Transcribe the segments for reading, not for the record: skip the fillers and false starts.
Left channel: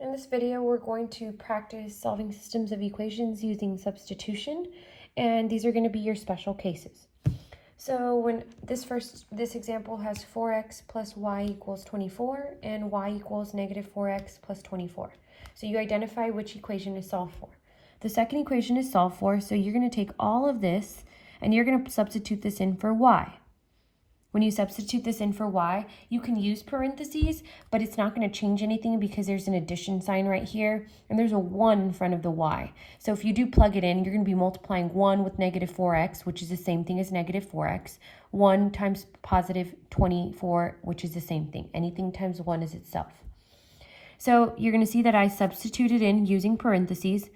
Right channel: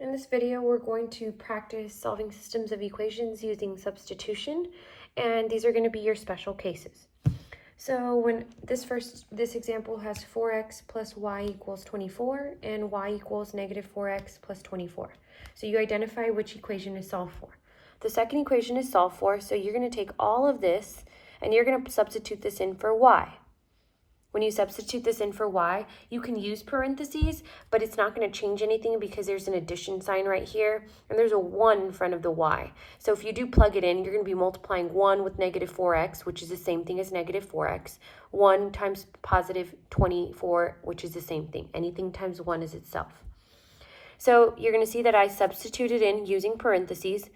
In this video, we're going to practice solving systems of equations using substitution, and these are going to be your special cases. So when this example has 4x plus y equals 24 and y equals negative 4x plus 24. So you identify which equation is solved for. The second equation is solved for, so you're going to take all of this and you're going to substitute this in for y. When you substitute this in for y, you can use parentheses, but it's not going to change anything because there's an addition sign right here, and there's a 1 in front of the y. So if you do plug it in, you're going to be multiplying 1 with negative 4x, which is the same thing as negative 4x, 1 times positive 24, which is the same thing. Anything times 1 is itself. So you're going to see that I substituted in using parentheses.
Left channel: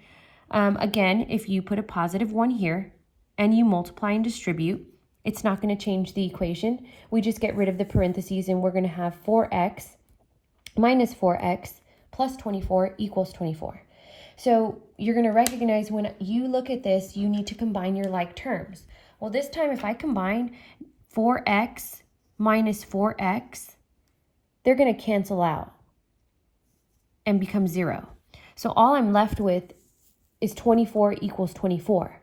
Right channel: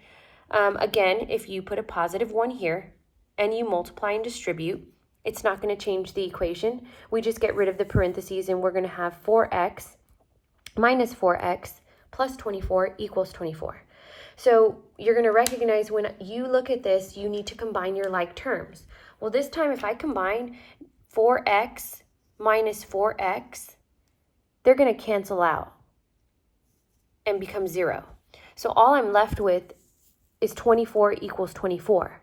Again, if you put a positive 1 here, and you multiply and distribute, it's not going to change the equation. We just get rid of the parentheses and we're going to have 4x minus 4x plus 24 equals 24. So you're going to recognize when you look at this, you need to combine your like terms. Well, this time if I combine 4x minus 4x, they're going to cancel out and become 0. So all I'm left with is 24 equals 24.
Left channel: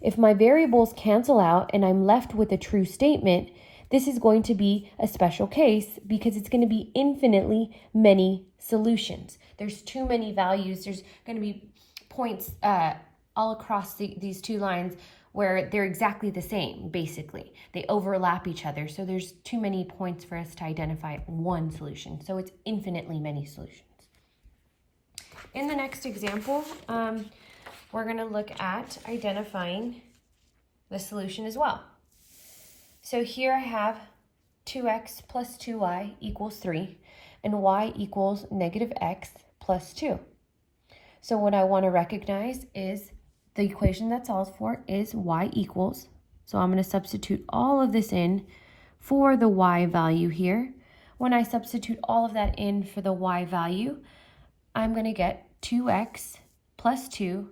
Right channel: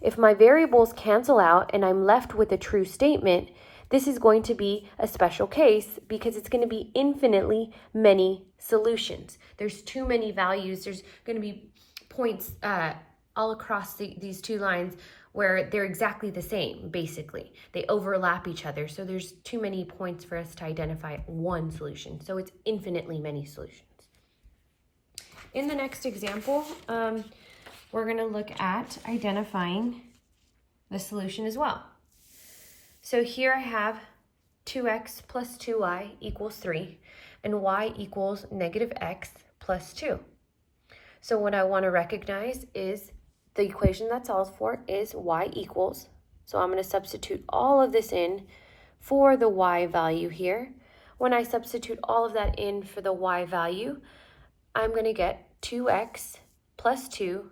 If my variables cancel out and I'm left with a true statement, this is going to be a special case because it's going to be infinitely many solutions. There's too many values. There's going to be points all across these two lines where they're exactly the same, basically. They overlap each other, so there's too many points for us to identify one solution. So it's infinitely many solutions. In the next example, we're going to look at identifying the solution as well. So here I have 2x plus 2y equals 3, and y equals negative x plus 2. So what I want to recognize is the equation that solves for is y equals. So I'm going to substitute all of this in for the y value here. When I substitute all of that in for the y value, I'm going to get 2x plus 2.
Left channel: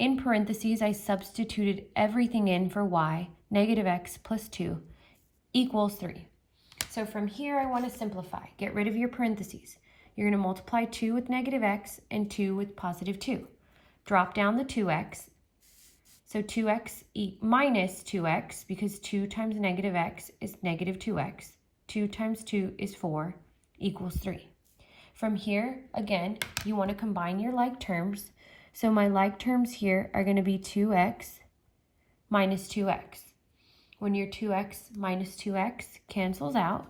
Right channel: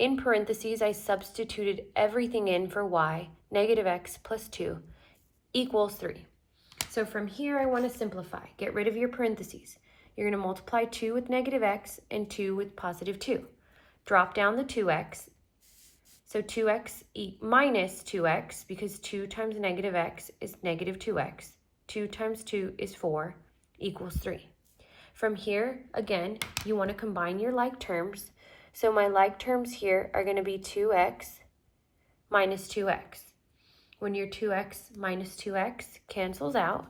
In parentheses, I substituted everything in for y, negative x plus 2 equals 3. So from here, I want to simplify. Get rid of your parentheses. You're going to multiply 2 with negative x and 2 with positive 2. Drop down the 2x. So 2x minus 2x, because 2 times negative x is negative 2x. 2 times 2 is 4, equals 3. From here, again, you want to combine your like terms. So my like terms here are going to be 2x minus 2x. When your 2x minus 2x cancels out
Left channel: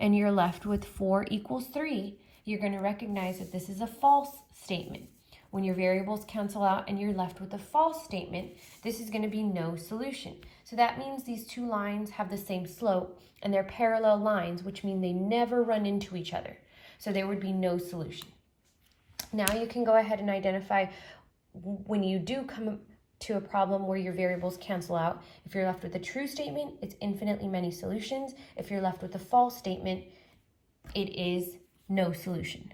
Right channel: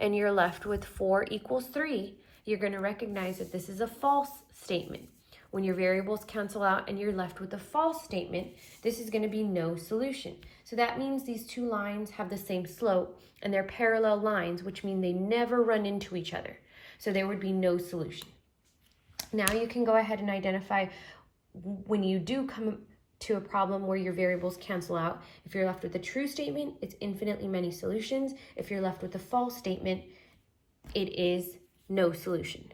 and you're left with 4 equals 3, you're going to recognize that this is a false statement. When your variables cancel out and you're left with a false statement, this is going to be no solution. So that means these two lines have the same slope and they're parallel lines, which mean they never run into each other. So there would be no solution. Now you can go ahead and identify when you do come to a problem where your variables cancel out. If you're left with a true statement, it's infinitely many solutions. If you're left with a false statement, it is no solution.